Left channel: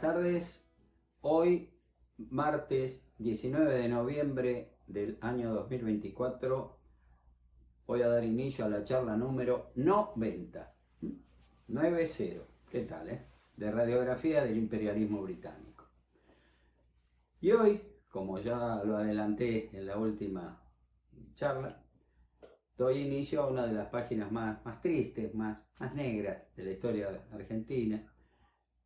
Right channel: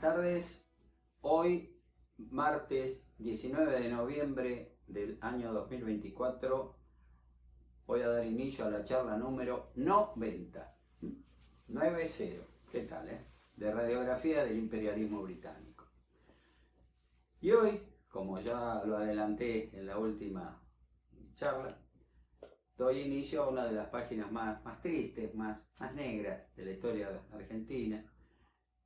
buenas tardes. Hoy, martes 19 de noviembre del año 2024, voy a dar inicio a la charla número 90. 90. ¿Qué tal, de radiografía del imperialismo británico. Y hoy, como ya lo adelanté en la última charla, doy inicio a una de las páginas más tristes, más negras de la historia argentina,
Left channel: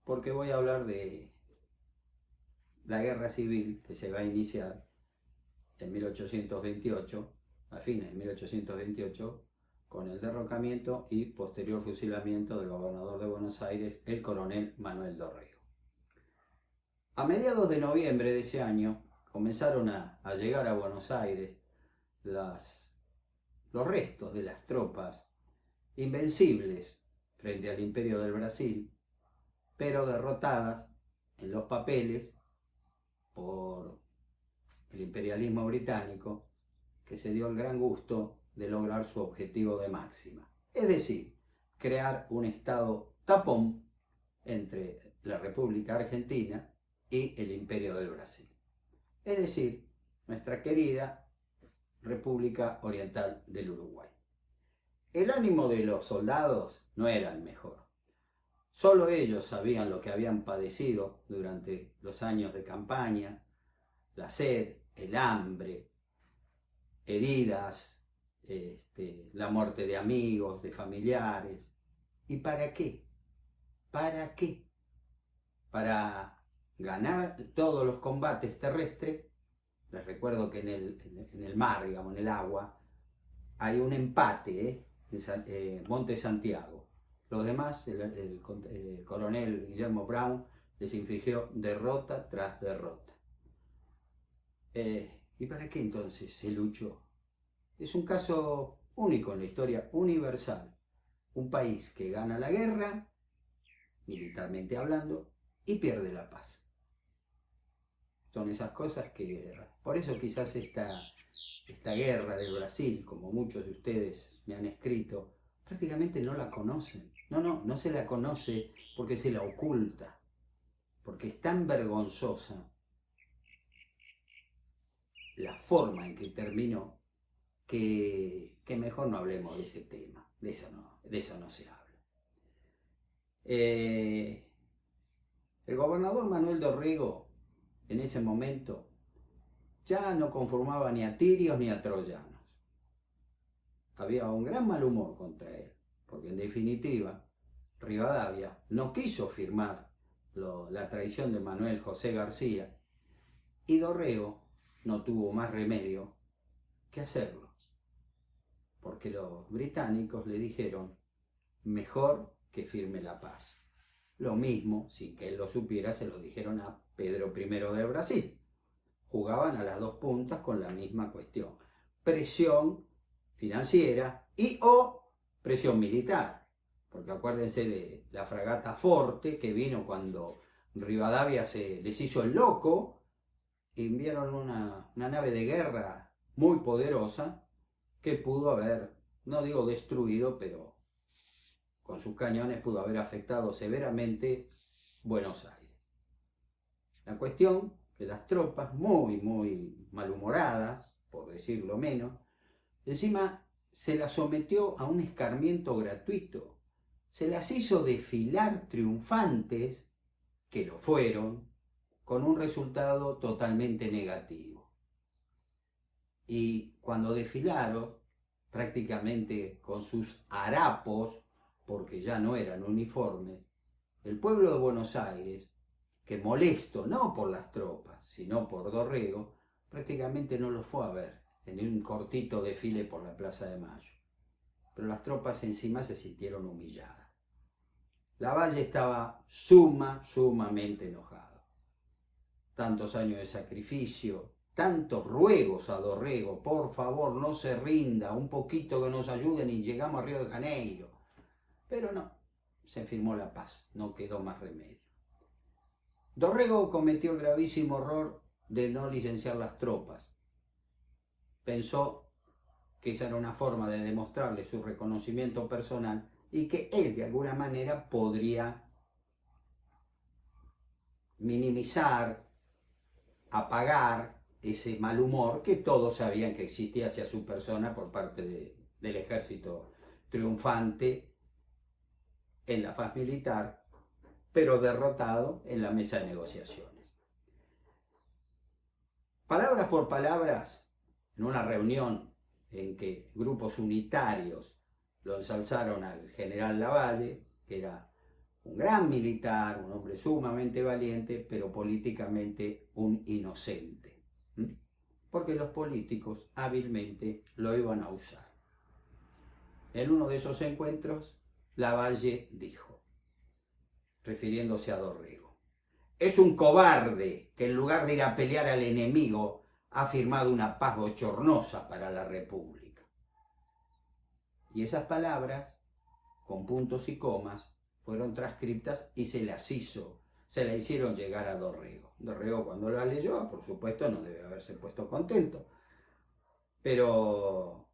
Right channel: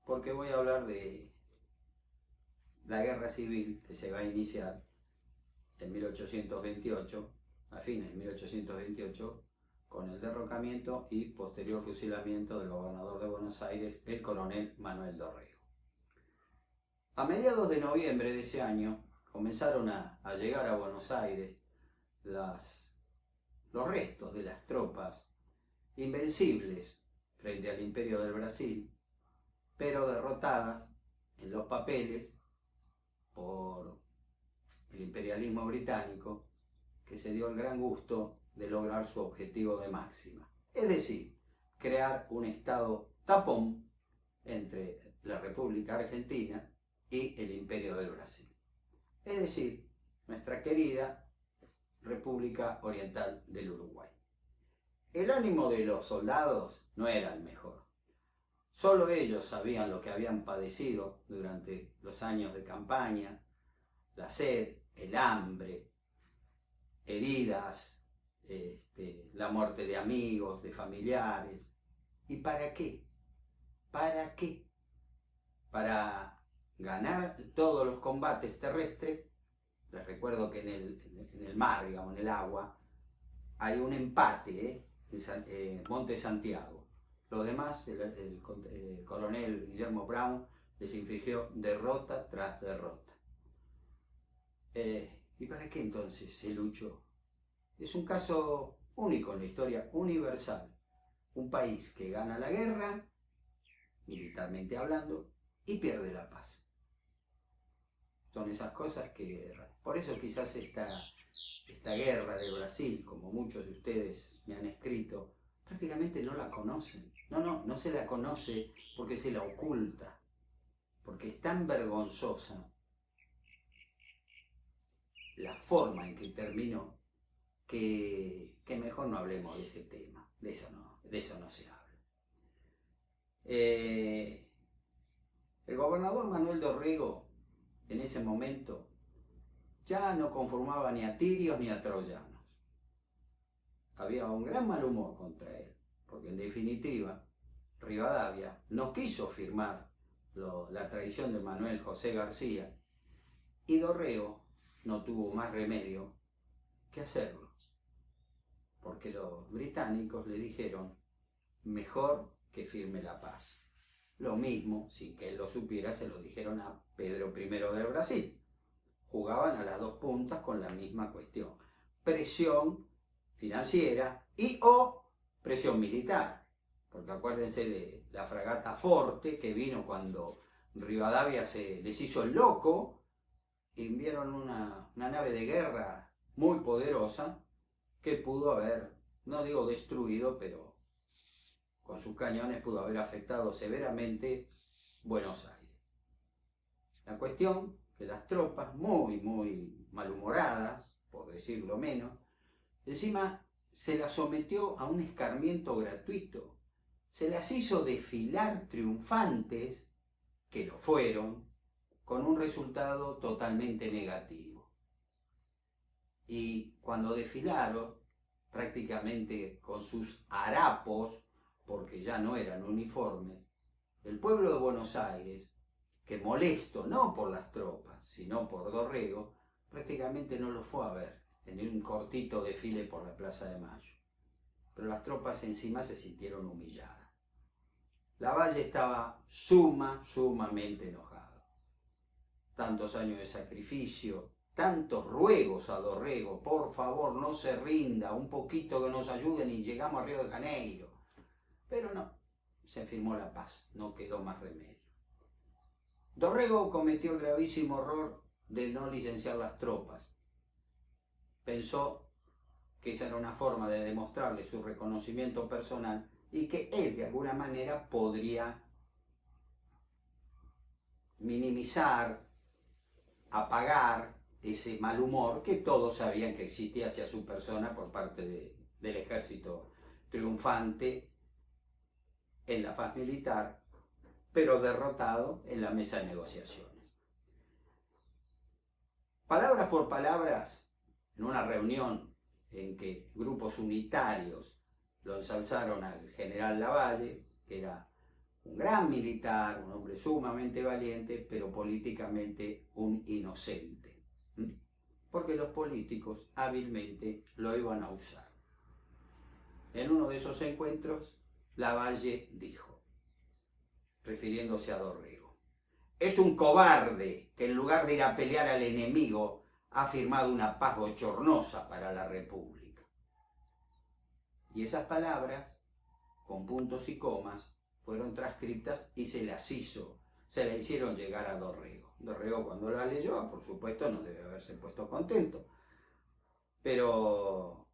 porque voy a hablar de la guerra civil que se va a iniciar en 1828, a fines de 1828, con el derrocamiento y posterior fusilamiento del gobernador de Buenos Aires, el coronel Manuel Dorrego. A mediados de noviembre de ese año comenzaron a llegar a Buenos Aires los restos de las tropas invencibles frente al Imperio del Brasil, pero derrotadas en los papeles por el imperialismo británico, que se dio el gran gusto de lograr su objetivo de máxima, es decir, crear un estado tapón entre la República Argentina y el Imperio del Brasil, es decir, nuestra querida República Oriental del Uruguay. El ánimo de los soldados no era el mejor. Solo ellos sabían lo que habían padecido durante los años de campaña: la sed, el hambre, heridas, la muerte de amigos, de familiares. ¿Y para qué? ¿Para qué? Para ganar todos los combates terrestres. Les recuerdo que en el mar, digamos, en el agua, hay un empate, en Monte Santiago. Los demás, el coronel Guillermo Brown les infligió derrota tras derrota. ¿Y para qué entonces se luchó? Es un caso único en la historia universal. Un país que gana la guerra, militarmente hablando, y pierde la paz. Son esas cosas que, por eso quizás esta guerra del Brasil, como muchos de ustedes me han escrito, prácticamente no la conocen. No se la conoce porque se la oculta, porque es tan vergonzosa la forma en que terminó que mejor no hablemos de ese tema, de eso no se habla. El gobernador Manuel Dorrego en ese momento ya no conformaba ni a tirios ni a troyanos. Había un gran mal humor contra él, porque en definitiva Rivadavia no quiso firmar la traición de Manuel José García, y Dorrego no tuvo más remedio que hacerlo, porque los británicos le dijeron mejor que firme la paz. Lo mismo, sin que él lo supiera, se lo dijeron a Pedro I del Brasil. Jugaban a las dos puntas con la misma cuestión: presión financiera y o presión militar. Porque acuérdense de la fragata Forte, que vino cuando Rivadavia se les hizo el loco, y enviaron una nave de guerra muy poderosa que pudo haber, no digo destruido, pero con sus cañones pudo haber afectado severamente Buenos Aires. La cuestión que las tropas, muy malhumoradas, por decirlo menos, encima se las sometió a un escarmiento gratuito. Se las hizo desfilar triunfantes, que lo fueron, con un resultado totalmente negativo. Y cuando desfilaron, prácticamente con sus harapos, porque ya no eran uniformes, el pueblo de Buenos Aires, que molesto no por las tropas, sino por Dorrego, prácticamente no lo fue a ver en un cortito desfile por la Plaza de Mayo. Pero las tropas encima se sintieron humilladas. Lavalle estaba sumamente enojado. Tantos años de sacrificio, tantos ruegos a Dorrego: por favor, no se rinda, un poquito que nos ayuden y llegamos a Río de Janeiro. Pero no, se firmó la paz, no quedó más remedio. Dorrego cometió el gravísimo error de no licenciar las tropas. Pensó que esa era una forma de demostrarle su reconocimiento personal y que él de alguna manera podría minimizar, apagar ese mal humor que todos sabían que existía hacia su persona por parte del ejército triunfante en la faz militar, pero derrotado en la mesa de negociaciones. Palabras por palabras, en una reunión en que grupos unitarios lo ensalzaron al general Lavalle, que era un gran militar, un hombre sumamente valiente, pero políticamente un inocente. Porque los políticos hábilmente lo iban a usar. En uno de esos encuentros, Lavalle dijo, refiriéndose a Dorrego, es un cobarde que en lugar de ir a pelear al enemigo ha firmado una paz bochornosa para la República. Y esas palabras, con puntos y comas, fueron transcriptas y se la hicieron llegar a Dorrego. Dorrego, cuando la leyó, por supuesto no debe haberse puesto contento, pero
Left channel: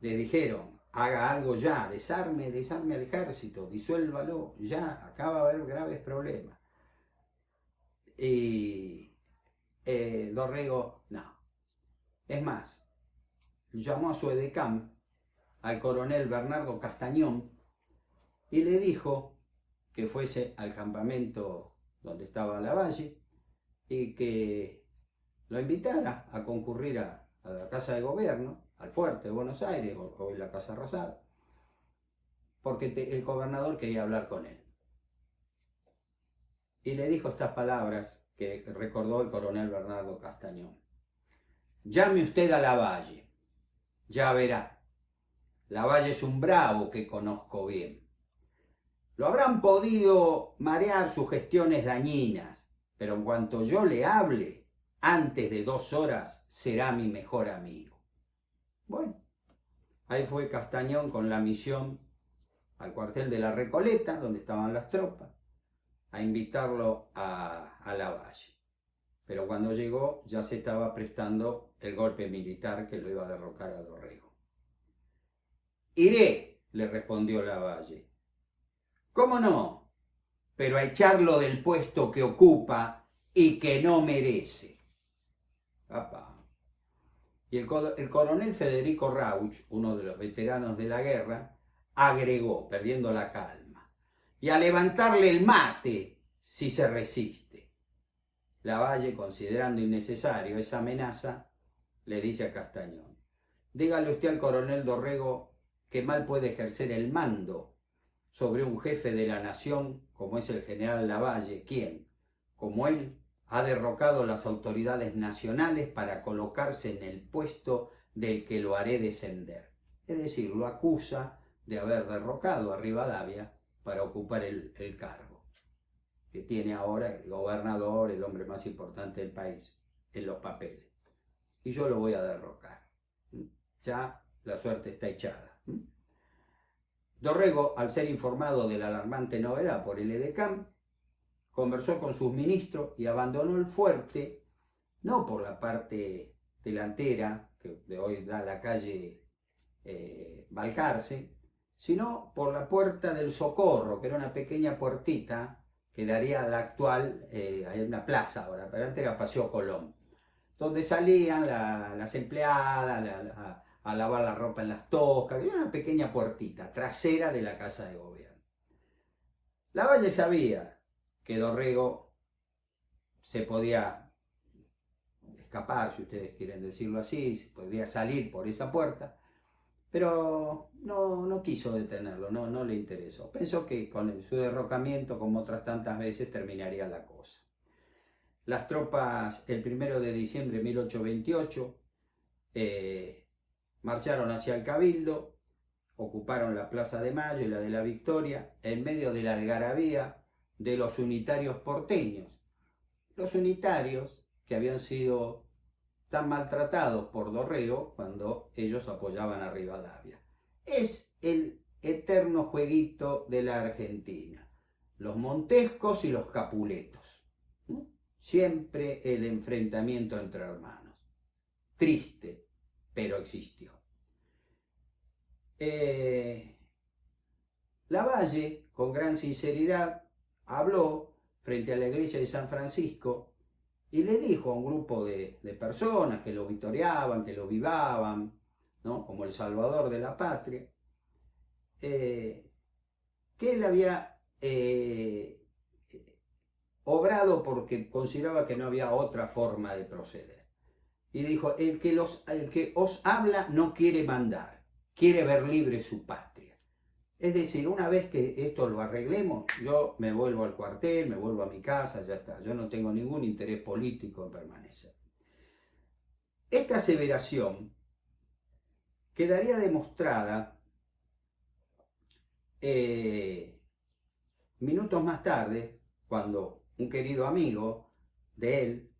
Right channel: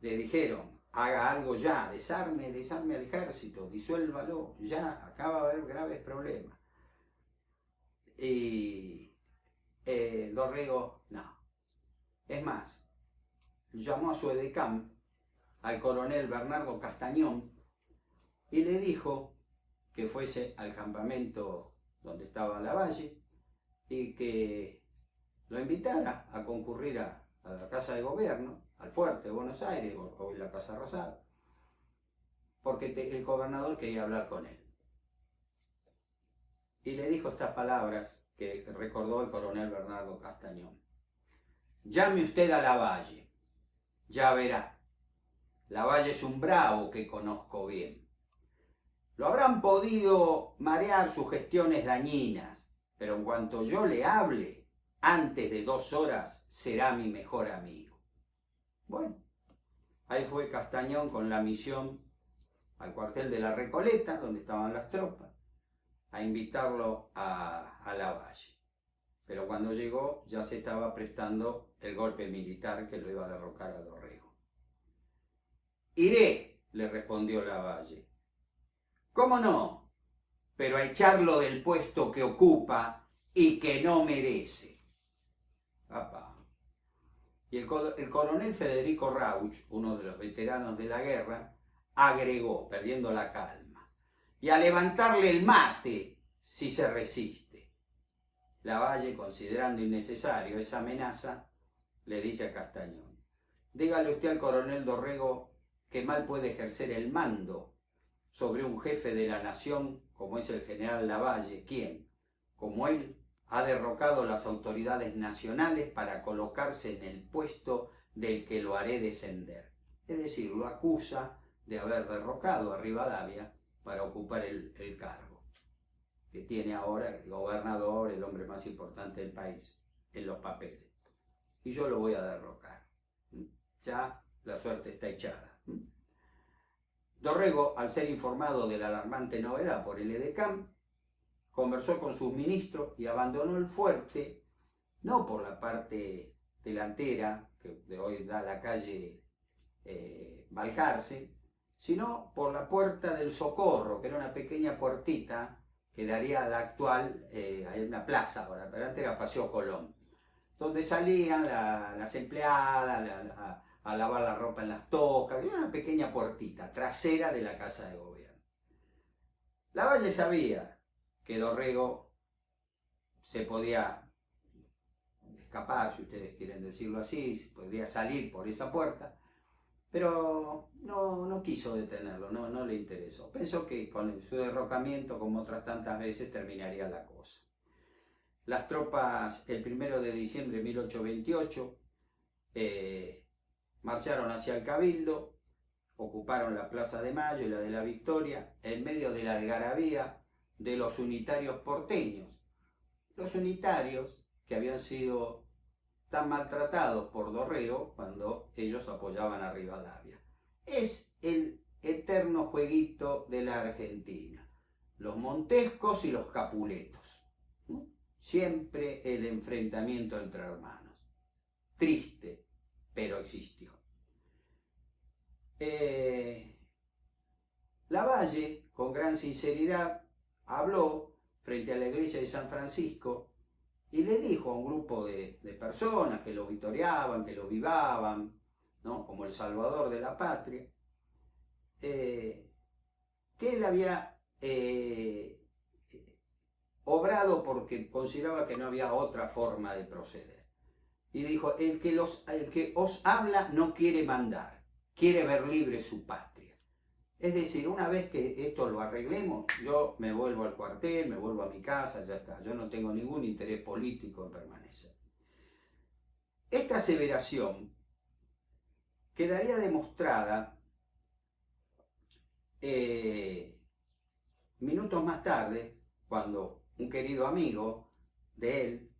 le dijeron, haga algo ya, desarme al ejército, disuélvalo ya, acá va a haber graves problemas. Y Dorrego, no. Es más, llamó a su edecán, al coronel Bernardo Castañón, y le dijo que fuese al campamento donde estaba Lavalle y que lo invitara a concurrir a la Casa de Gobierno, al Fuerte de Buenos Aires, hoy la Casa Rosada, porque el gobernador quería hablar con él. Y le dijo estas palabras que recordó el coronel Bernardo Castañón. Llame usted a Lavalle, ya verá. Lavalle es un bravo que conozco bien. Lo habrán podido marear sus gestiones dañinas, pero en cuanto yo le hable, antes de 2 horas será mi mejor amigo. Bueno, ahí fue Castañón con la misión al cuartel de la Recoleta, donde estaban las tropas, a invitarlo a Lavalle. Pero cuando llegó ya se estaba prestando el golpe militar que lo iba a derrocar a Dorrego. Iré, le respondió Lavalle. ¿Cómo no? Pero a echarlo del puesto que ocupa y que no merece. Papá. Y el coronel Federico Rauch, uno de los veteranos de la guerra, agregó, perdiendo la calma, y a levantarle el mate si se resiste. Lavalle, considerando innecesario esa amenaza, le dice a Castañón, dígale usted al coronel Dorrego que mal puede ejercer el mando sobre un jefe de la nación como es el general Lavalle, quien, como él, ha derrocado las autoridades nacionales para colocarse en el puesto del que lo haré descender. Es decir, lo acusa de haber derrocado a Rivadavia para ocupar el cargo que tiene ahora el gobernador, el hombre más importante del país, en los papeles. Y yo lo voy a derrocar. Ya la suerte está echada. Dorrego, al ser informado de la alarmante novedad por el edecán, conversó con sus ministros y abandonó el fuerte, no por la parte delantera, que de hoy da la calle Balcarce, sino por la Puerta del Socorro, que era una pequeña puertita que daría a la actual, hay una plaza ahora, pero antes era Paseo Colón, donde salían las empleadas a lavar la ropa en las toscas, era una pequeña puertita trasera de la Casa de Gobierno. Lavalle sabía que Dorrego se podía escapar, si ustedes quieren decirlo así, se podía salir por esa puerta, pero no quiso detenerlo, no le interesó. Pensó que con su derrocamiento, como otras tantas veces, terminaría la cosa. Las tropas, el 1 de diciembre de 1828, marcharon hacia el Cabildo, ocuparon la Plaza de Mayo y la de la Victoria, en medio de la algarabía de los unitarios porteños. Los unitarios que habían sido tan maltratados por Dorrego cuando ellos apoyaban a Rivadavia. Es el eterno jueguito de la Argentina. Los montescos y los capuletos. Siempre el enfrentamiento entre hermanos. Triste, pero existió. Lavalle, con gran sinceridad, habló frente a la iglesia de San Francisco y le dijo a un grupo de personas que lo vitoreaban, que lo vivaban, ¿no?, como el salvador de la patria, que él había obrado porque consideraba que no había otra forma de proceder. Y dijo, el que os habla no quiere mandar, quiere ver libre su patria. Es decir, una vez que esto lo arreglemos, yo me vuelvo al cuartel, me vuelvo a mi casa, ya está. Yo no tengo ningún interés político en permanecer. Esta aseveración quedaría demostrada minutos más tarde, cuando un querido amigo de él,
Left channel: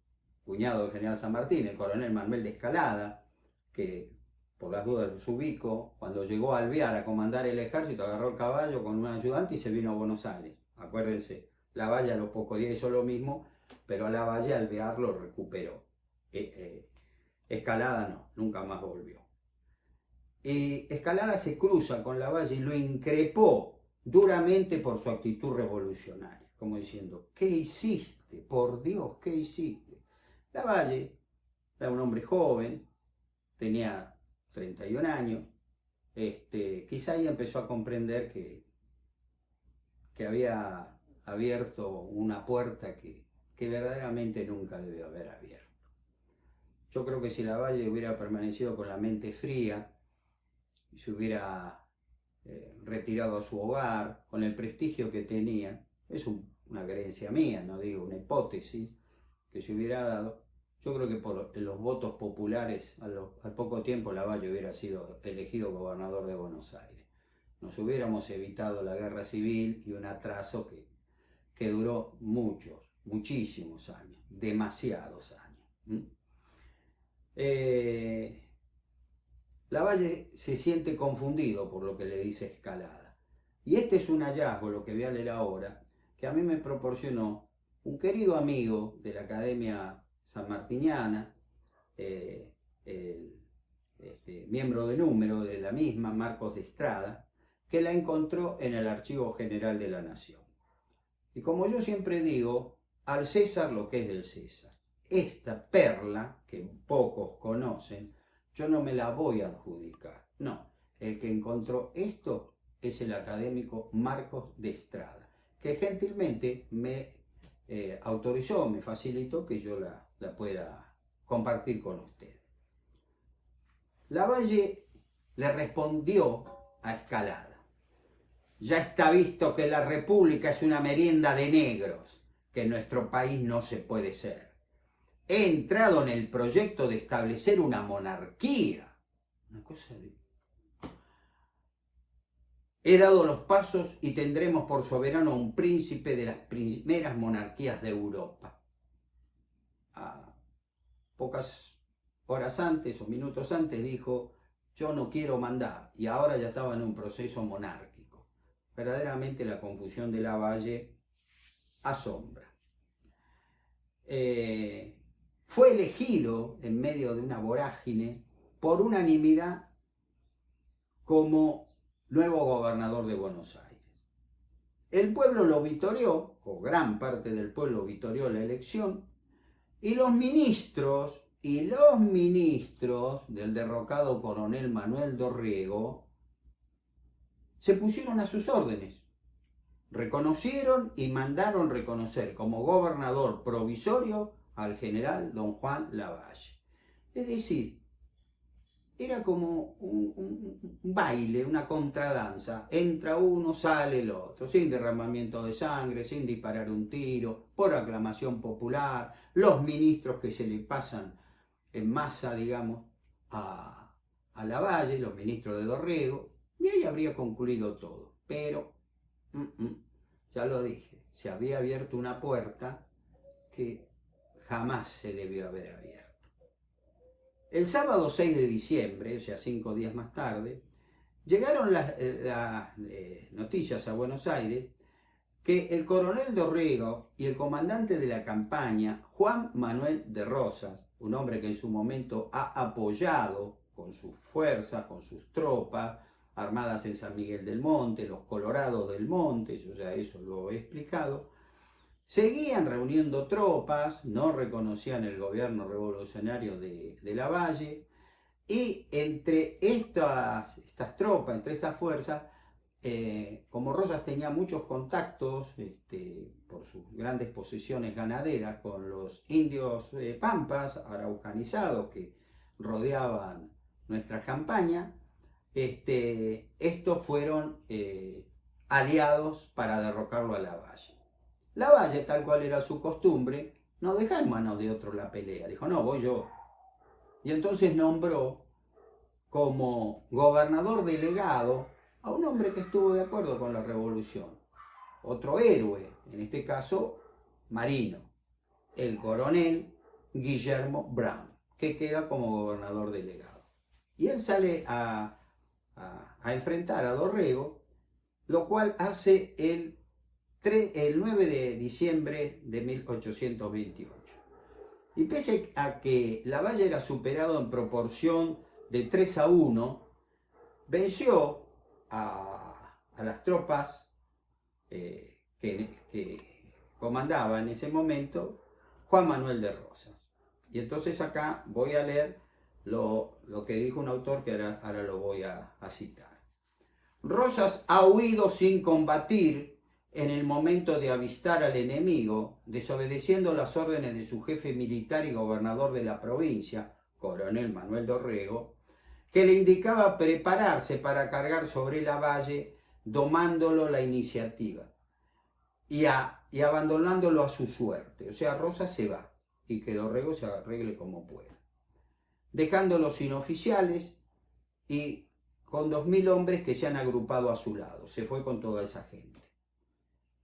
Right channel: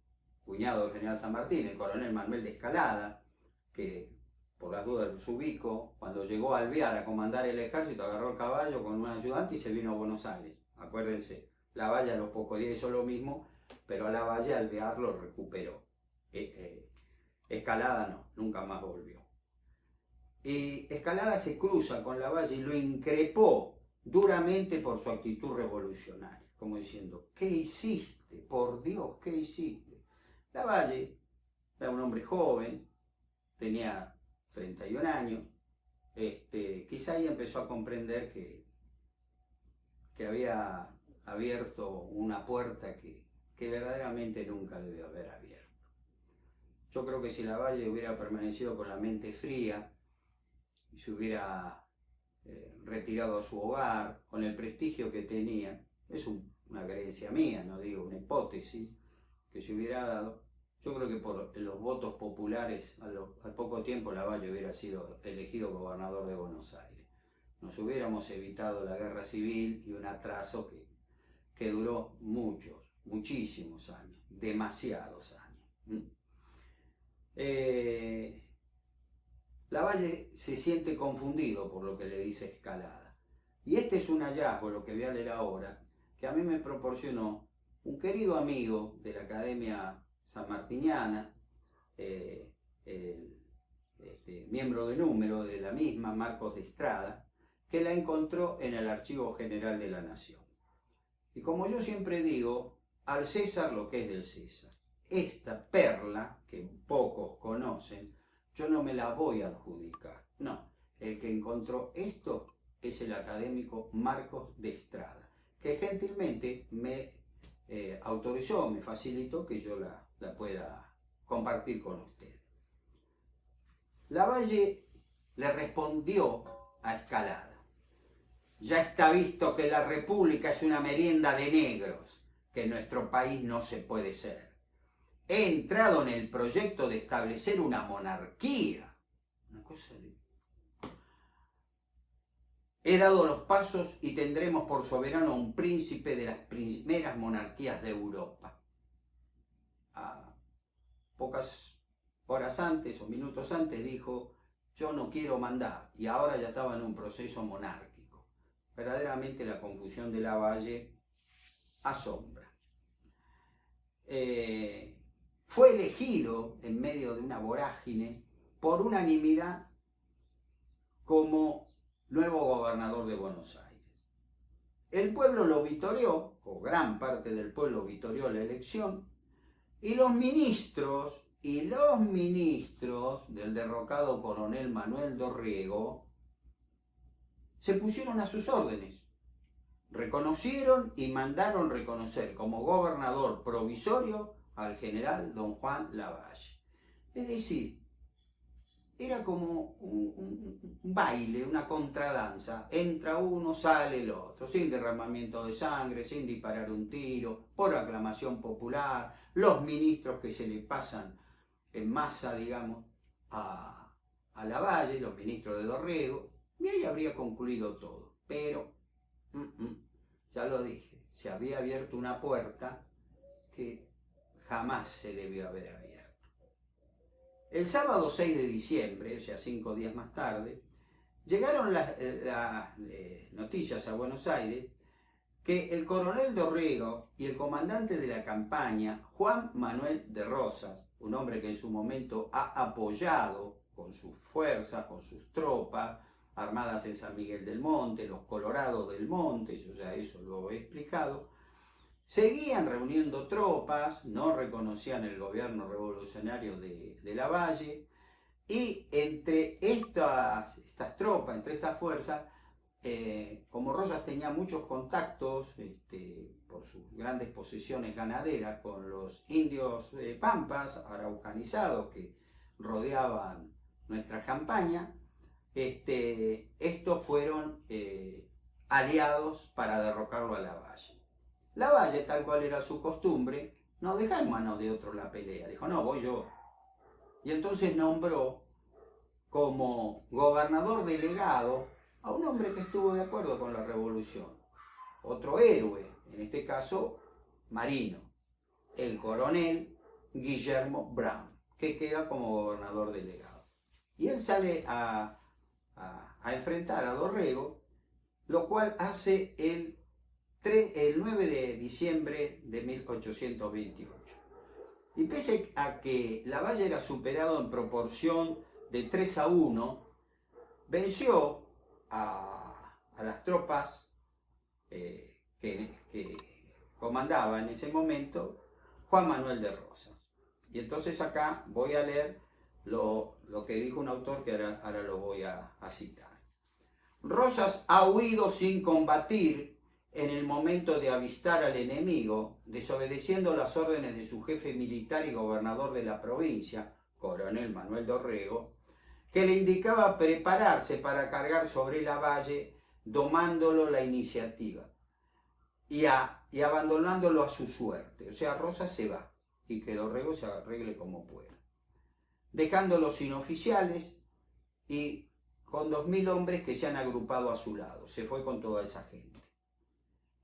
cuñado del general San Martín, el coronel Manuel de Escalada, que por las dudas los ubico, cuando llegó a Alvear a comandar el ejército, agarró el caballo con un ayudante y se vino a Buenos Aires. Acuérdense, Lavalle a los pocos días hizo lo mismo, pero Lavalle al Alvear lo recuperó. Escalada no, nunca más volvió. Y Escalada se cruza con Lavalle y lo increpó duramente por su actitud revolucionaria, como diciendo, ¿qué hiciste? Por Dios, ¿qué hiciste? Lavalle era un hombre joven, tenía 31 años, quizá ahí empezó a comprender que había abierto una puerta que verdaderamente nunca debió haber abierto. Yo creo que si Lavalle hubiera permanecido con la mente fría y se hubiera retirado a su hogar con el prestigio que tenía, es una creencia mía, no digo una hipótesis, que se hubiera dado, yo creo que por los votos populares al poco tiempo Lavalle hubiera sido elegido gobernador de Buenos Aires. Nos hubiéramos evitado la guerra civil y un atraso que duró muchísimos años, demasiados años. Lavalle se siente confundido por lo que le dice Escalada. Y este es un hallazgo, lo que voy a leer ahora, que a mí me proporcionó un querido amigo de la Academia Sanmartiniana, miembro de número de la misma, Marcos de Estrada, que la encontró en el Archivo General de la Nación. Y como yo siempre digo, al César lo que es del César. Esta perla, que pocos conocen, yo no me la voy a adjudicar. No, el que encontró esto es el académico Marcos de Estrada, que gentilmente me autorizó, me facilitó que yo la pueda compartir con usted. Lavalle le respondió a Escalada: ya está visto que la república es una merienda de negros, que en nuestro país no se puede ser. He entrado en el proyecto de establecer una monarquía. Una cosa de... He dado los pasos y tendremos por soberano a un príncipe de las primeras monarquías de Europa. Pocas horas antes o minutos antes dijo, yo no quiero mandar, y ahora ya estaba en un proceso monárquico. Verdaderamente la confusión de Lavalle asombra. Fue elegido en medio de una vorágine por unanimidad como nuevo gobernador de Buenos Aires. El pueblo lo vitoreó, o gran parte del pueblo vitoreó la elección, y los ministros del derrocado coronel Manuel Dorrego se pusieron a sus órdenes. Reconocieron y mandaron reconocer como gobernador provisorio al general don Juan Lavalle. Es decir, era como un baile, una contradanza. Entra uno, sale el otro, sin derramamiento de sangre, sin disparar un tiro, por aclamación popular, los ministros que se le pasan en masa, digamos, a Lavalle, los ministros de Dorrego, y ahí habría concluido todo. Pero, ya lo dije, se había abierto una puerta que jamás se debió haber abierto. El sábado 6 de diciembre, o sea 5 días más tarde, llegaron las noticias a Buenos Aires que el coronel Dorrego y el comandante de la campaña, Juan Manuel de Rosas, un hombre que en su momento ha apoyado con sus fuerzas, con sus tropas, armadas en San Miguel del Monte, los Colorados del Monte, yo ya eso lo he explicado, Seguían reuniendo tropas, no reconocían el gobierno revolucionario de Lavalle, y entre estas tropas, entre estas fuerzas, como Rosas tenía muchos contactos por sus grandes posesiones ganaderas con los indios pampas, araucanizados, que rodeaban nuestra campaña, estos fueron aliados para derrocarlo a Lavalle. Lavalle, tal cual era su costumbre, no dejó en manos de otro la pelea, dijo, no, voy yo. Y entonces nombró como gobernador delegado a un hombre que estuvo de acuerdo con la revolución, otro héroe, en este caso marino, el coronel Guillermo Brown, que queda como gobernador delegado. Y él sale a enfrentar a Dorrego, lo cual hace el 9 de diciembre de 1828. Y pese a que Lavalle era superado en proporción de 3-1, venció a las tropas que comandaba en ese momento Juan Manuel de Rosas. Y entonces acá voy a leer lo que dijo un autor que ahora lo voy a citar. Rosas ha huido sin combatir en el momento de avistar al enemigo, desobedeciendo las órdenes de su jefe militar y gobernador de la provincia, coronel Manuel Dorrego, que le indicaba prepararse para cargar sobre Lavalle, domándolo la iniciativa y abandonándolo a su suerte. O sea, Rosas se va y que Dorrego se arregle como pueda, dejándolo sin oficiales y con 2000 hombres que se han agrupado a su lado. Se fue con toda esa gente.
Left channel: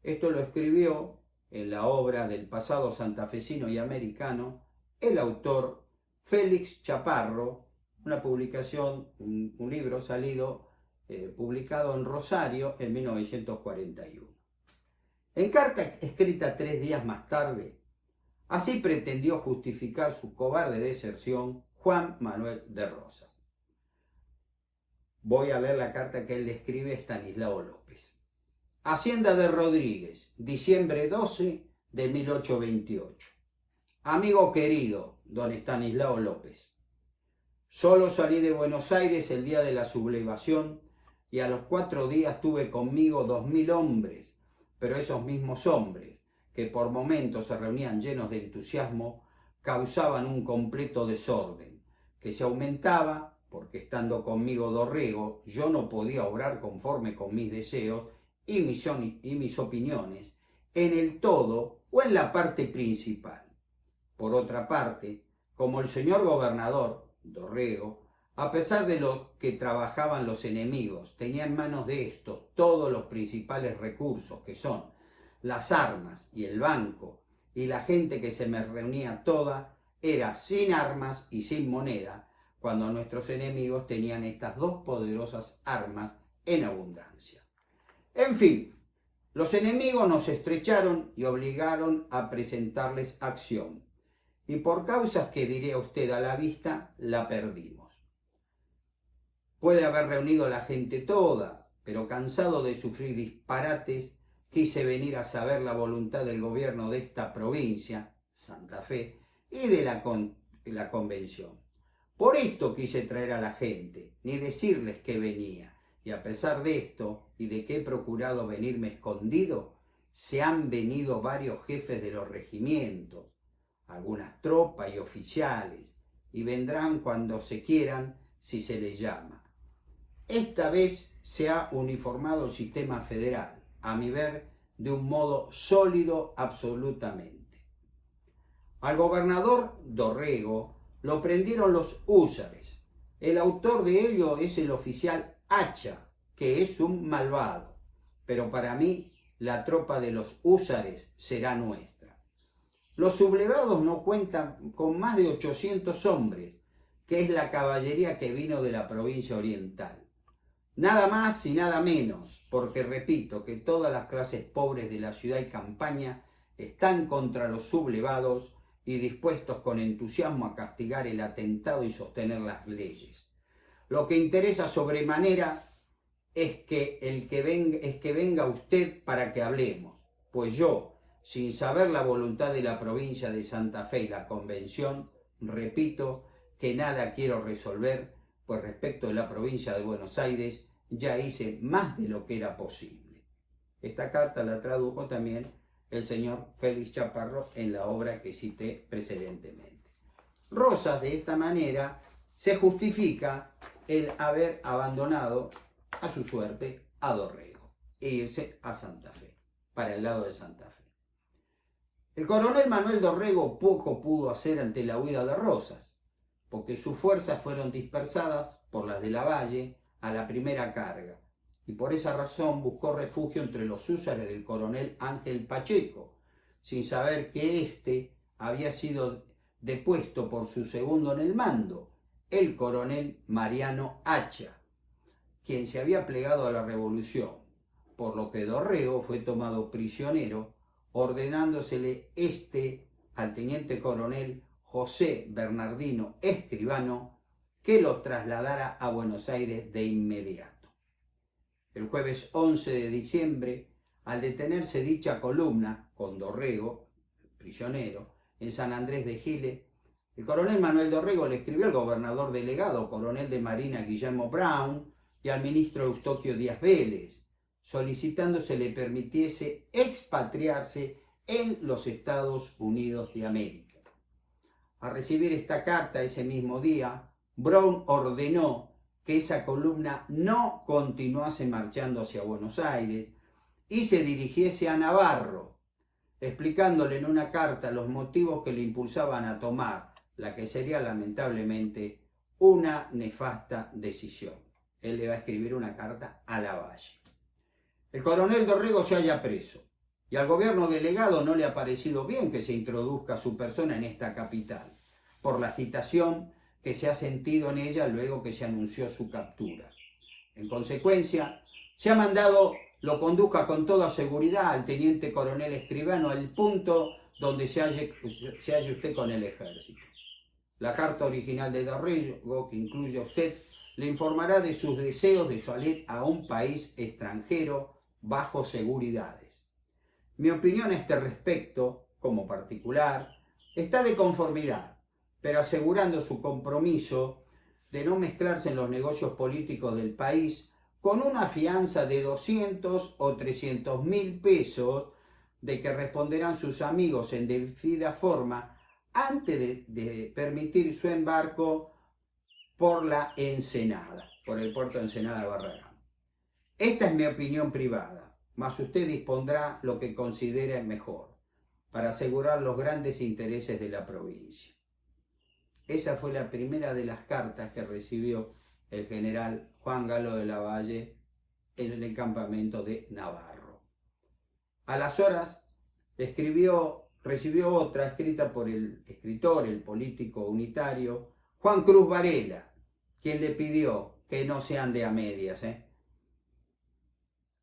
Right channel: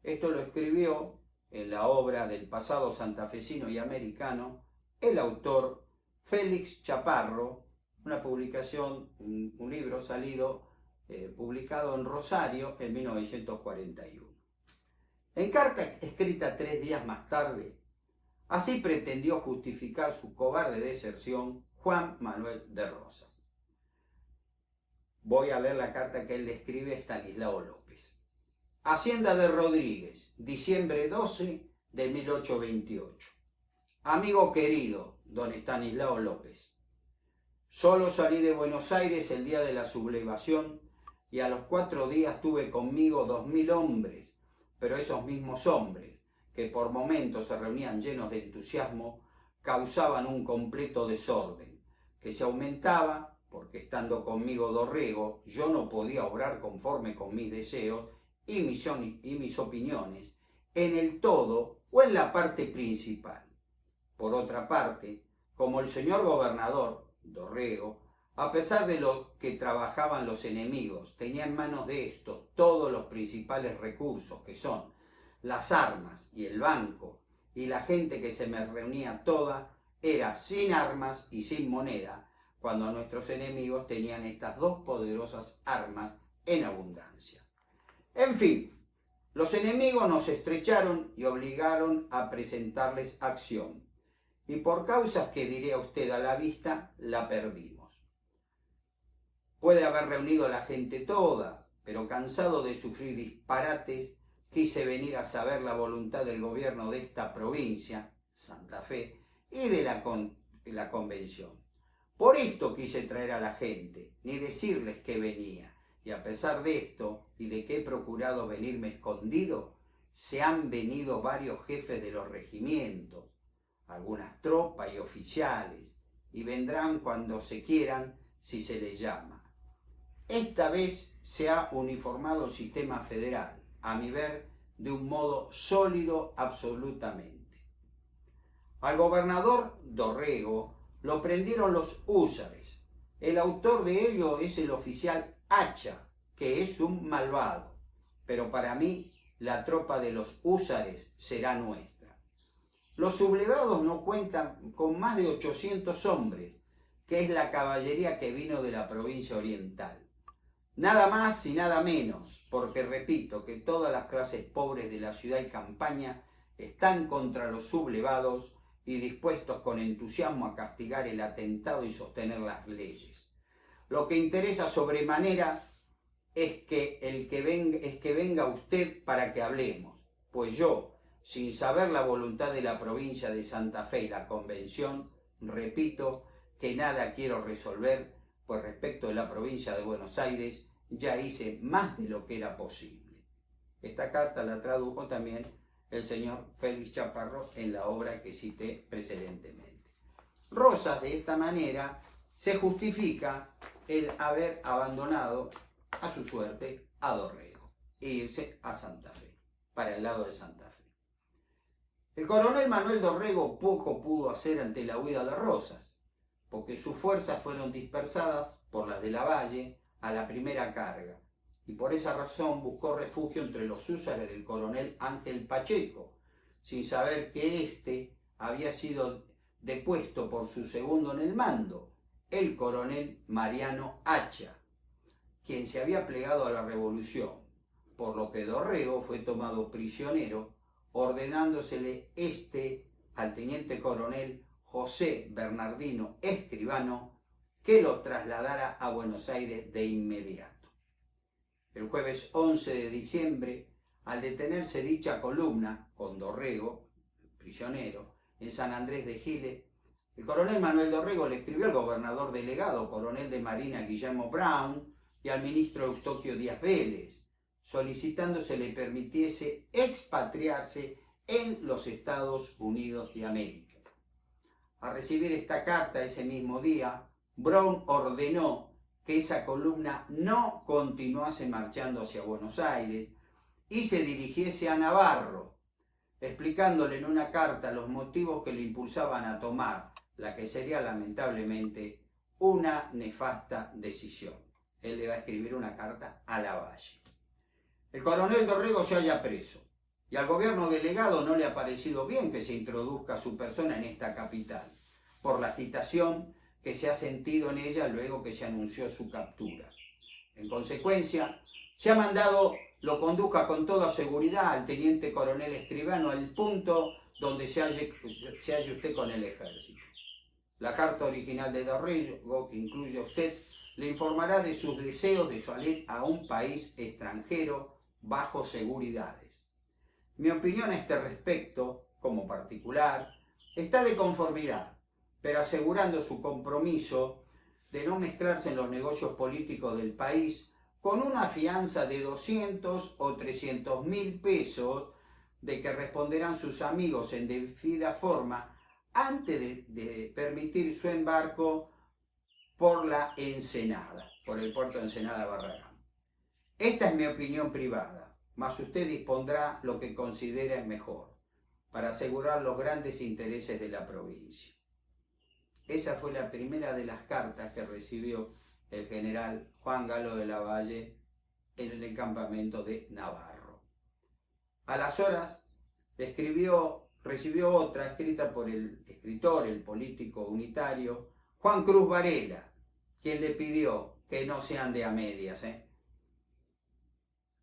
Esto lo escribió en la obra del pasado santafesino y americano el autor Félix Chaparro, una publicación, un libro salido, publicado en Rosario en 1941. En carta escrita 3 días más tarde, así pretendió justificar su cobarde deserción Juan Manuel de Rosas. Voy a leer la carta que él le escribe a Estanislao López. Hacienda de Rodríguez, diciembre 12 de 1828. Amigo querido, don Estanislao López. Solo salí de Buenos Aires el día de la sublevación y a los 4 días tuve conmigo 2000 hombres, pero esos mismos hombres, que por momentos se reunían llenos de entusiasmo, causaban un completo desorden, que se aumentaba porque estando conmigo Dorrego, yo no podía obrar conforme con mis deseos y mis opiniones, en el todo o en la parte principal. Por otra parte, como el señor gobernador, Dorrego, a pesar de lo que trabajaban los enemigos, tenía en manos de estos todos los principales recursos, que son las armas y el banco, y la gente que se me reunía toda era sin armas y sin moneda, cuando nuestros enemigos tenían estas dos poderosas armas en abundancia. En fin, los enemigos nos estrecharon y obligaron a presentarles acción, y por causas que diré a usted a la vista, la perdimos. Puede haber reunido la gente toda, pero cansado de sufrir disparates, quise venir a saber la voluntad del gobierno de esta provincia, Santa Fe, y de la convención. Por esto quise traer a la gente, ni decirles que venía, y a pesar de esto, y de que he procurado venirme escondido, se han venido varios jefes de los regimientos, algunas tropas y oficiales, y vendrán cuando se quieran si se les llama. Esta vez se ha uniformado el sistema federal, a mi ver, de un modo sólido absolutamente. Al gobernador Dorrego lo prendieron los húsares. El autor de ello es el oficial Hacha, que es un malvado, pero para mí la tropa de los húsares será nuestra. Los sublevados no cuentan con más de 800 hombres, que es la caballería que vino de la provincia oriental. Nada más y nada menos, porque repito que todas las clases pobres de la ciudad y campaña están contra los sublevados y dispuestos con entusiasmo a castigar el atentado y sostener las leyes. Lo que interesa sobremanera es que venga usted para que hablemos, pues yo, sin saber la voluntad de la provincia de Santa Fe y la convención, repito que nada quiero resolver, pues respecto de la provincia de Buenos Aires ya hice más de lo que era posible. Esta carta la tradujo también el señor Félix Chaparro en la obra que cité precedentemente. Rosas, de esta manera, se justifica el haber abandonado a su suerte a Dorrego e irse a Santa Fe, para el lado de Santa Fe. El coronel Manuel Dorrego poco pudo hacer ante la huida de Rosas, porque sus fuerzas fueron dispersadas por las de Lavalle a la primera carga, y por esa razón buscó refugio entre los húsares del coronel Ángel Pacheco, sin saber que éste había sido depuesto por su segundo en el mando, el coronel Mariano Hacha, quien se había plegado a la revolución, por lo que Dorrego fue tomado prisionero, ordenándosele al teniente coronel José Bernardino Escribano que lo trasladara a Buenos Aires de inmediato. El jueves 11 de diciembre, al detenerse dicha columna con Dorrego, prisionero, en San Andrés de Giles, el coronel Manuel Dorrego le escribió al gobernador delegado, coronel de Marina Guillermo Brown, y al ministro Eustoquio Díaz Vélez, solicitando se le permitiese expatriarse en los Estados Unidos de América. Al recibir esta carta ese mismo día, Brown ordenó que esa columna no continuase marchando hacia Buenos Aires y se dirigiese a Navarro, explicándole en una carta los motivos que le impulsaban a tomar la que sería lamentablemente una nefasta decisión. Él le va a escribir una carta a Lavalle. El coronel Dorrego se halla preso y al gobierno delegado no le ha parecido bien que se introduzca su persona en esta capital, por la agitación que se ha sentido en ella luego que se anunció su captura. En consecuencia, se ha mandado lo conduzca con toda seguridad al teniente coronel Escribano al punto donde se halle usted con el ejército. La carta original de Dorrego, que incluye a usted, le informará de sus deseos de salir a un país extranjero bajo seguridades. Mi opinión a este respecto, como particular, está de conformidad, pero asegurando su compromiso de no mezclarse en los negocios políticos del país con una fianza de 200 o 300.000 pesos de que responderán sus amigos en debida forma antes de permitir su embarco por la Ensenada, por el puerto de Ensenada Barragán. Esta es mi opinión privada, mas usted dispondrá lo que considere mejor para asegurar los grandes intereses de la provincia. Esa fue la primera de las cartas que recibió el general Juan Galo de Lavalle en el campamento de Navarro. A las horas recibió otra escrita por el escritor, el político unitario, Juan Cruz Varela, quien le pidió que no se ande a medias.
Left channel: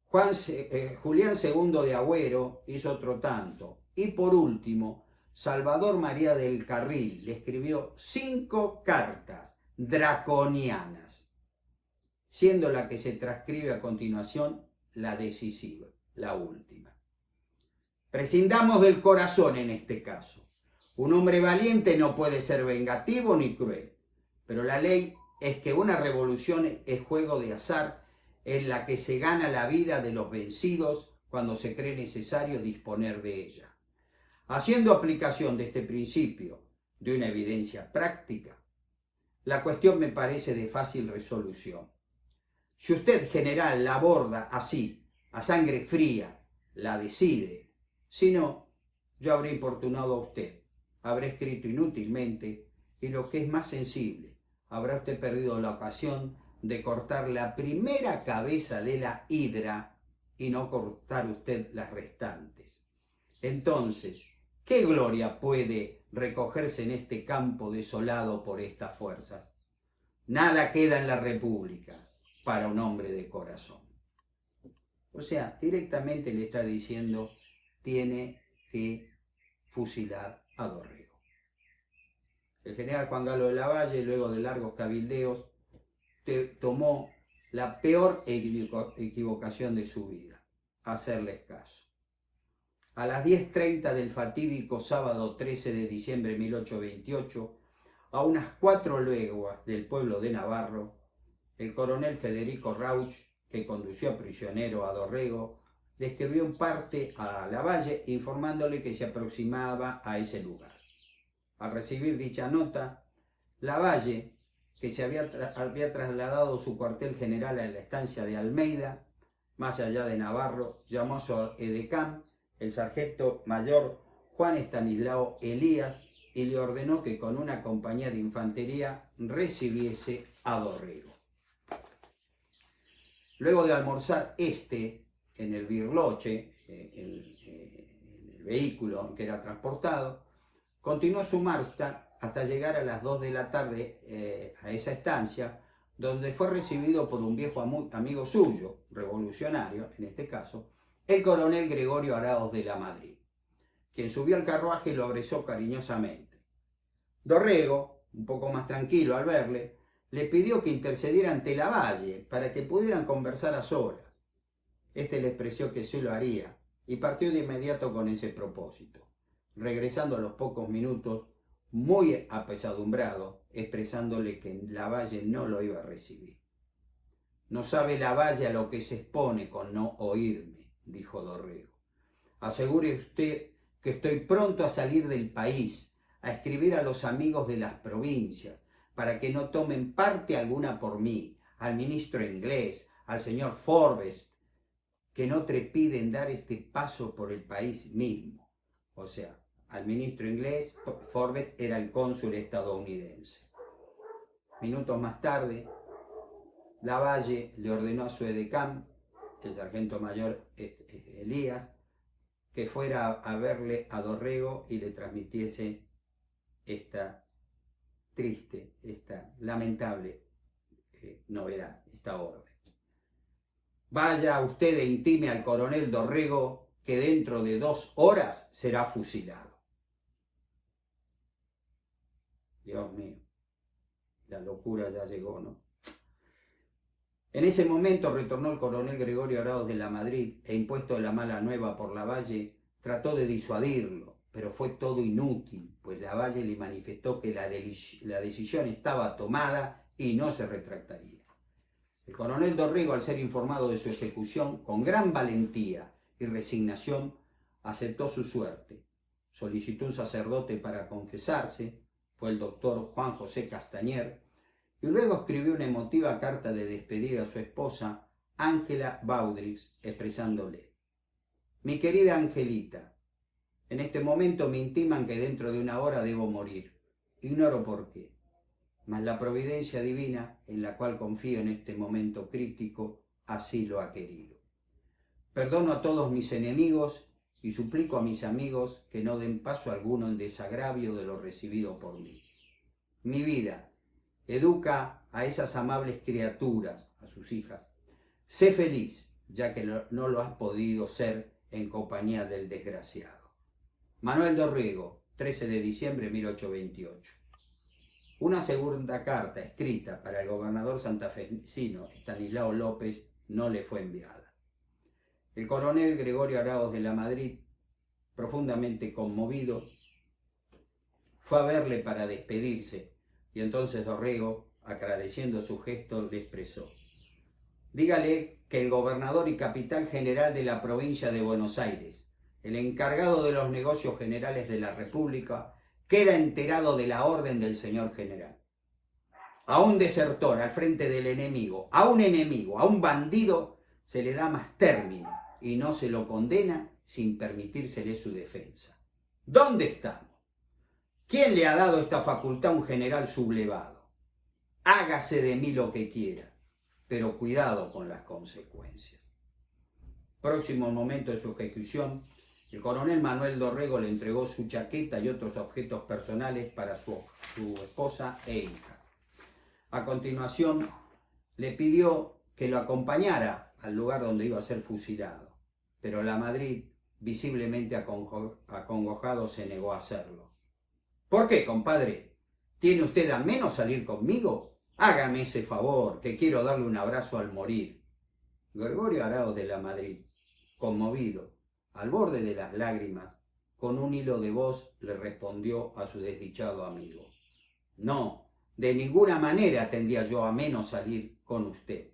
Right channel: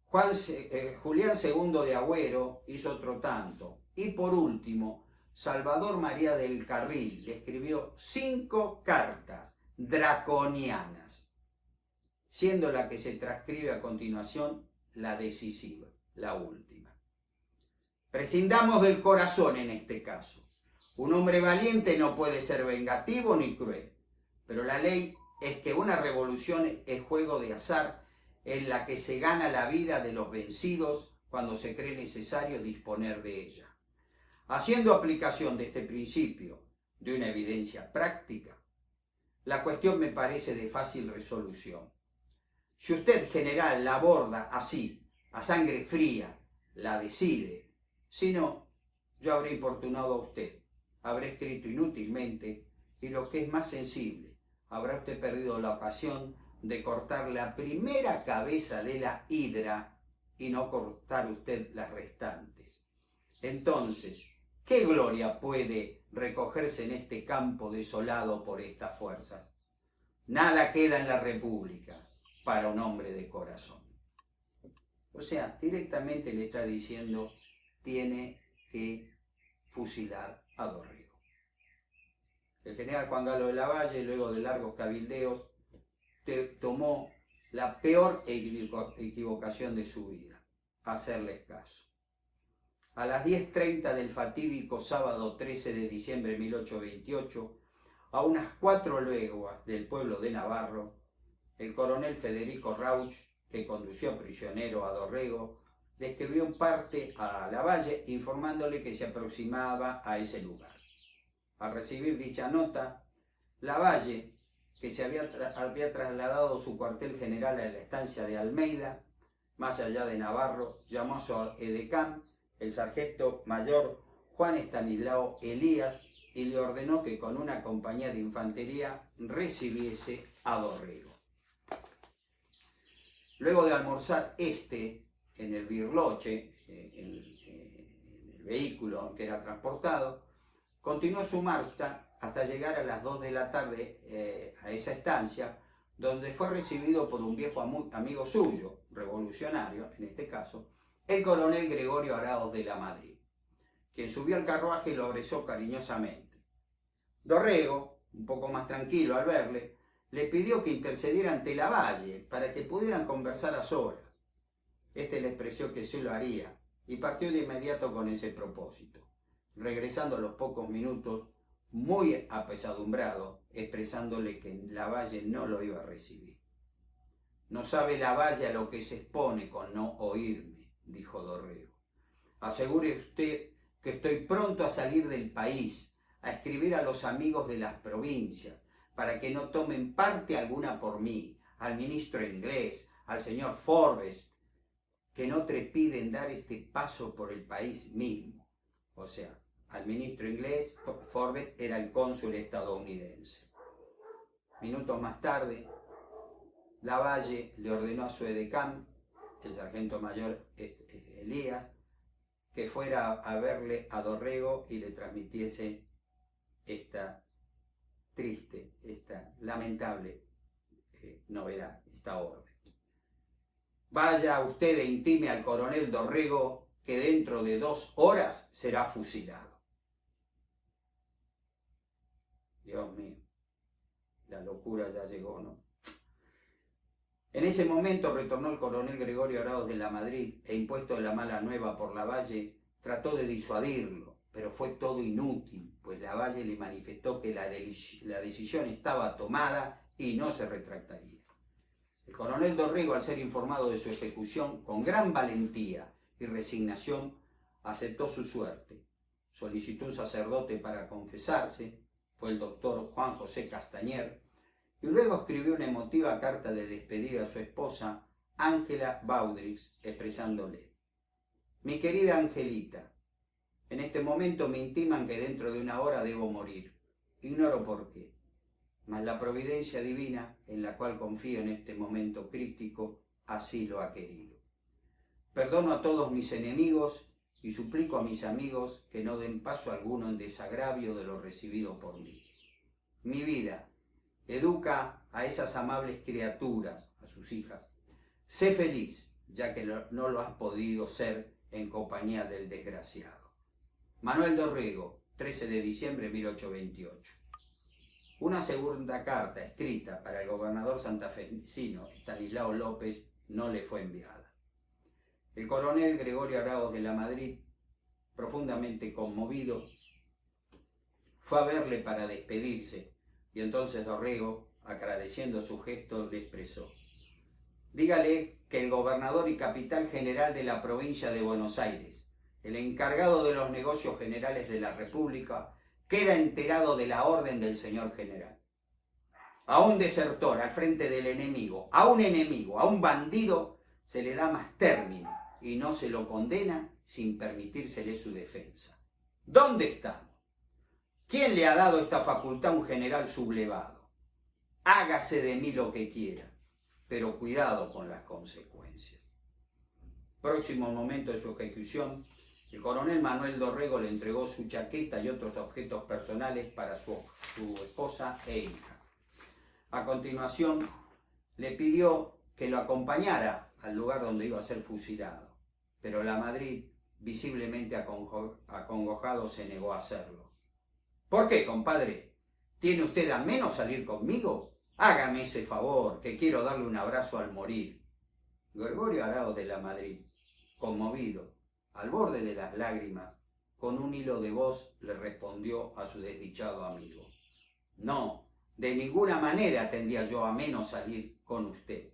Julián II de Agüero hizo otro tanto. Y por último, Salvador María del Carril le escribió 5 cartas draconianas, siendo la que se transcribe a continuación la decisiva, la última. Prescindamos del corazón en este caso. Un hombre valiente no puede ser vengativo ni cruel, pero la ley es que una revolución es juego de azar en la que se gana la vida de los vencidos cuando se cree necesario disponer de ella. Haciendo aplicación de este principio de una evidencia práctica, la cuestión me parece de fácil resolución. Si usted, general, la aborda así, a sangre fría, la decide. Si no, yo habré importunado a usted, habré escrito inútilmente y lo que es más sensible, habrá usted perdido la ocasión de cortar la primera cabeza de la hidra y no cortar usted las restantes. Entonces, ¿qué gloria puede recogerse en este campo desolado por estas fuerzas? Nada queda en la República para un hombre de corazón. O sea, directamente le está diciendo, tiene que fusilar a Dorrego. El general Juan Galo de Lavalle, luego de largos cabildeos, tomó la peor equivocación de su vida, hacerles caso. A las 10:30 del fatídico sábado 13 de diciembre de 1828, a unas 4 leguas del pueblo de Navarro, el coronel Federico Rauch, que condució prisionero a Dorrego, le escribió un parte a Lavalle informándole que se aproximaba a ese lugar. Al recibir dicha nota, Lavalle, que se había trasladado su cuartel general a la estancia de Almeida, más allá de Navarro, llamó a su edecán, el sargento mayor Juan Estanislao Elías, y le ordenó que con una compañía de infantería recibiese a Dorrego. Luego de almorzar en el birloche, en el vehículo que era transportado, continuó su marcha hasta llegar a las 2 de la tarde a esa estancia, donde fue recibido por un viejo amigo suyo, revolucionario en este caso, el coronel Gregorio Araoz de la Madrid, quien subió al carruaje y lo abrazó cariñosamente. Dorrego, un poco más tranquilo al verle, le pidió que intercediera ante Lavalle para que pudieran conversar a solas. Este le expresó que sí lo haría y partió de inmediato con ese propósito, regresando a los pocos minutos muy apesadumbrado, expresándole que Lavalle no lo iba a recibir. No sabe Lavalle a lo que se expone con no oírme, dijo Dorrego. Asegure usted que estoy pronto a salir del país, a escribir a los amigos de las provincias, para que no tomen parte alguna por mí, al ministro inglés, al señor Forbes, que no trepiden dar este paso por el país mismo. O sea, al ministro inglés, Forbes era el cónsul estadounidense. Minutos más tarde, Lavalle le ordenó a su edecán, el sargento mayor Elías, que fuera a verle a Dorrego y le transmitiese esta triste, esta lamentable novedad, esta orden. Vaya usted e intime al coronel Dorrego que dentro de 2 horas será fusilado. Dios mío, la locura ya llegó, ¿no? En ese momento retornó el coronel Gregorio Araoz de la Madrid e, impuesto la mala nueva por Lavalle, trató de disuadirlo, pero fue todo inútil, pues Lavalle le manifestó que la decisión estaba tomada y no se retractaría. El coronel Dorrego, al ser informado de su ejecución, con gran valentía y resignación, aceptó su suerte. Solicitó un sacerdote para confesarse, fue el doctor Juan José Castañer, y luego escribió una emotiva carta de despedida a su esposa, Ángela Baudrix, expresándole: mi querida Angelita, en este momento me intiman que dentro de 1 hora debo morir. Ignoro por qué, mas la providencia divina, en la cual confío en este momento crítico, así lo ha querido. Perdono a todos mis enemigos y suplico a mis amigos que no den paso alguno en desagravio de lo recibido por mí. Mi vida, educa a esas amables criaturas, a sus hijas. Sé feliz, ya que no lo has podido ser en compañía del desgraciado. Manuel Dorrego, 13 de diciembre de 1828. Una segunda carta escrita para el gobernador santafesino Estanislao López no le fue enviada. El coronel Gregorio Araoz de la Madrid, profundamente conmovido, fue a verle para despedirse, y entonces Dorrego, agradeciendo su gesto, le expresó: dígale que el gobernador y capitán general de la provincia de Buenos Aires, el encargado de los negocios generales de la República, queda enterado de la orden del señor general. A un desertor al frente del enemigo, a un bandido, se le da más término y no se lo condena sin permitírsele su defensa. ¿Dónde estamos? ¿Quién le ha dado esta facultad a un general sublevado? Hágase de mí lo que quiera, pero cuidado con las consecuencias. Próximo momento de su ejecución, el coronel Manuel Dorrego le entregó su chaqueta y otros objetos personales para su esposa e hija. A continuación, le pidió que lo acompañara al lugar donde iba a ser fusilado, pero la Madrid, visiblemente acongojado, se negó a hacerlo. ¿Por qué, compadre? ¿Tiene usted a menos salir conmigo? Hágame ese favor, que quiero darle un abrazo al morir. Gregorio Araoz de la Madrid, conmovido, Al borde de las lágrimas, con un hilo de voz le respondió a su desdichado amigo: no, de ninguna manera tendría yo a menos salir con usted,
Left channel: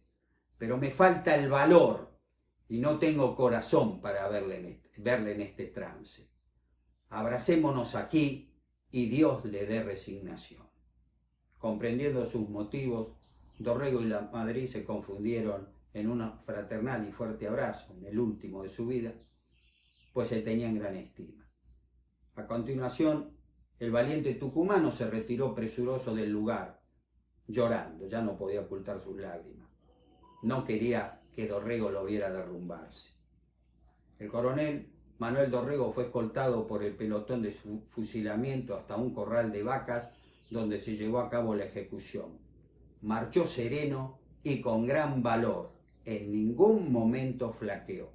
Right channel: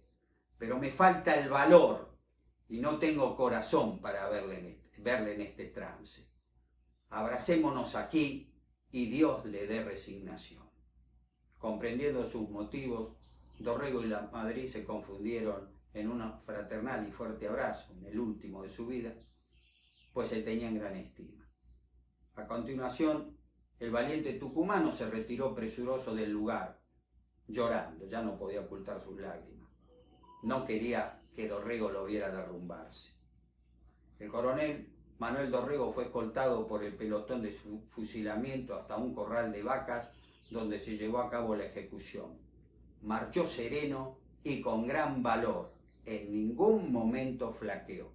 pero me falta el valor y no tengo corazón para verle en este trance. Abracémonos aquí y Dios le dé resignación. Comprendiendo sus motivos, Dorrego y la Madrid se confundieron en un fraternal y fuerte abrazo, en el último de su vida, pues se tenían gran estima. A continuación, el valiente tucumano se retiró presuroso del lugar, llorando, ya no podía ocultar sus lágrimas. No quería que Dorrego lo viera derrumbarse. El coronel Manuel Dorrego fue escoltado por el pelotón de fusilamiento hasta un corral de vacas donde se llevó a cabo la ejecución. Marchó sereno y con gran valor, en ningún momento flaqueó.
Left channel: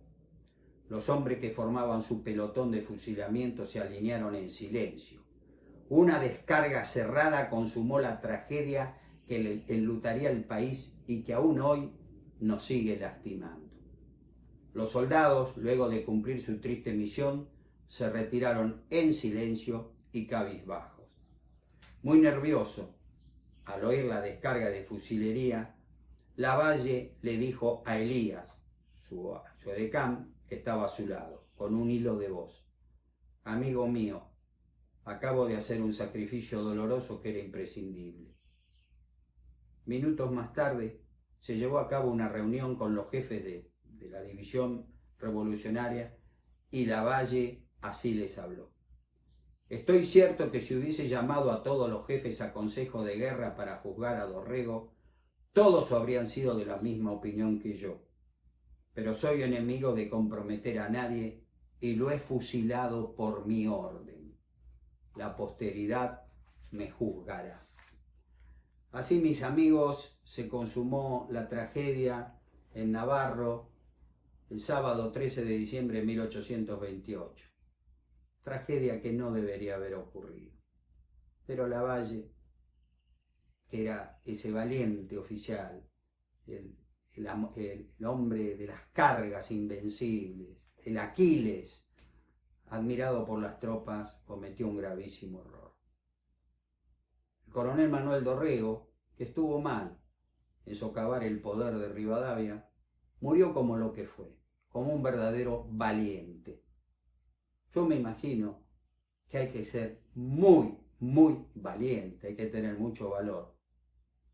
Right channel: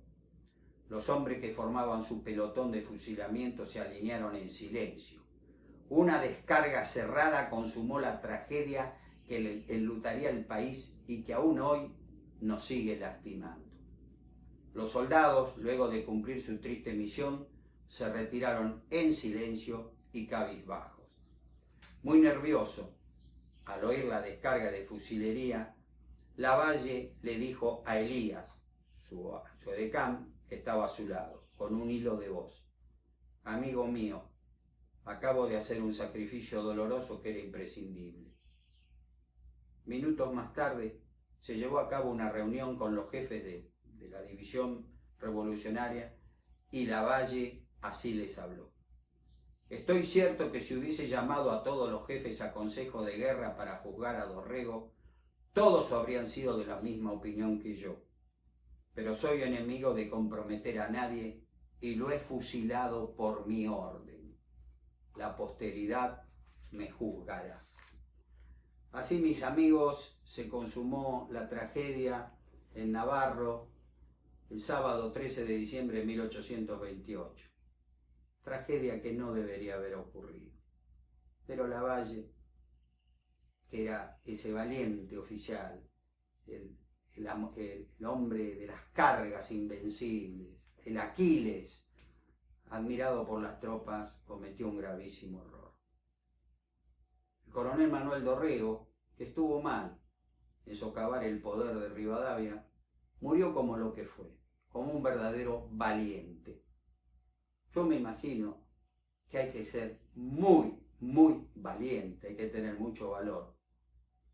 Los hombres que formaban su pelotón de fusilamiento se alinearon en silencio. Una descarga cerrada consumó la tragedia que enlutaría el país y que aún hoy nos sigue lastimando. Los soldados, luego de cumplir su triste misión, se retiraron en silencio y cabizbajos. Muy nervioso, al oír la descarga de fusilería, Lavalle le dijo a Elías, su edecán, que estaba a su lado, con un hilo de voz: amigo mío, acabo de hacer un sacrificio doloroso que era imprescindible. Minutos más tarde se llevó a cabo una reunión con los jefes de la división revolucionaria y Lavalle así les habló: estoy cierto que si hubiese llamado a todos los jefes a consejo de guerra para juzgar a Dorrego, todos habrían sido de la misma opinión que yo. Pero soy enemigo de comprometer a nadie y lo he fusilado por mi orden. La posteridad me juzgará. Así, mis amigos, se consumó la tragedia en Navarro el sábado 13 de diciembre de 1828. Tragedia que no debería haber ocurrido. Pero Lavalle, que era ese valiente oficial, el hombre de las cargas invencibles, el Aquiles, admirado por las tropas, cometió un gravísimo error. El coronel Manuel Dorrego, que estuvo mal en socavar el poder de Rivadavia, murió como lo que fue, como un verdadero valiente. Yo me imagino que hay que ser muy, muy valiente, hay que tener mucho valor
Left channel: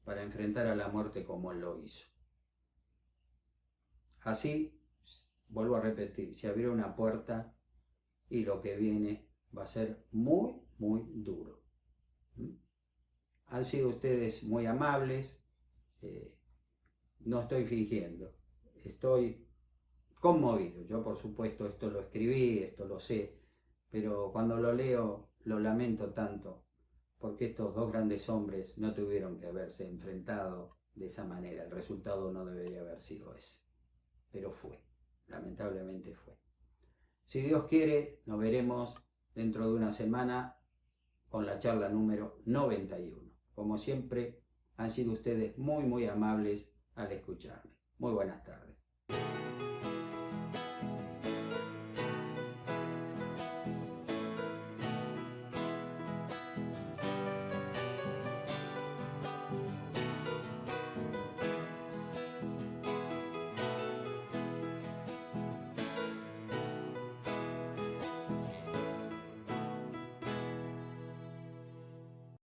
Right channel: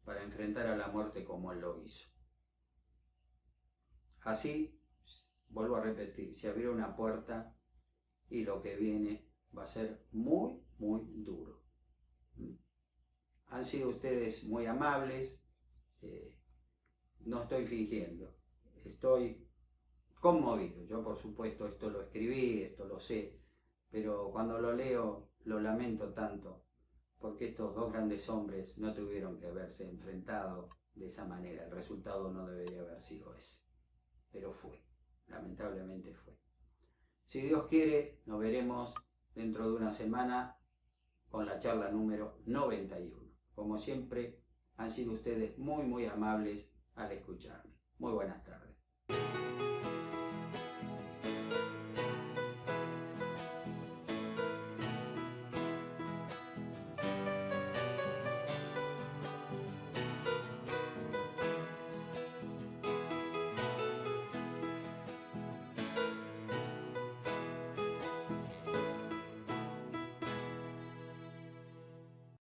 para enfrentar a la muerte como él lo hizo. Así, vuelvo a repetir, se abrió una puerta y lo que viene va a ser muy, muy duro. Han sido ustedes muy amables, no estoy fingiendo, estoy conmovido. Yo, por supuesto, esto lo escribí, esto lo sé, pero cuando lo leo lo lamento tanto, porque estos dos grandes hombres no tuvieron que haberse enfrentado de esa manera. El resultado no debería haber sido ese, pero fue, lamentablemente fue. Si Dios quiere, nos veremos dentro de una semana con la charla número 91. Como siempre, han sido ustedes muy, muy amables al escucharme. Muy buenas tardes.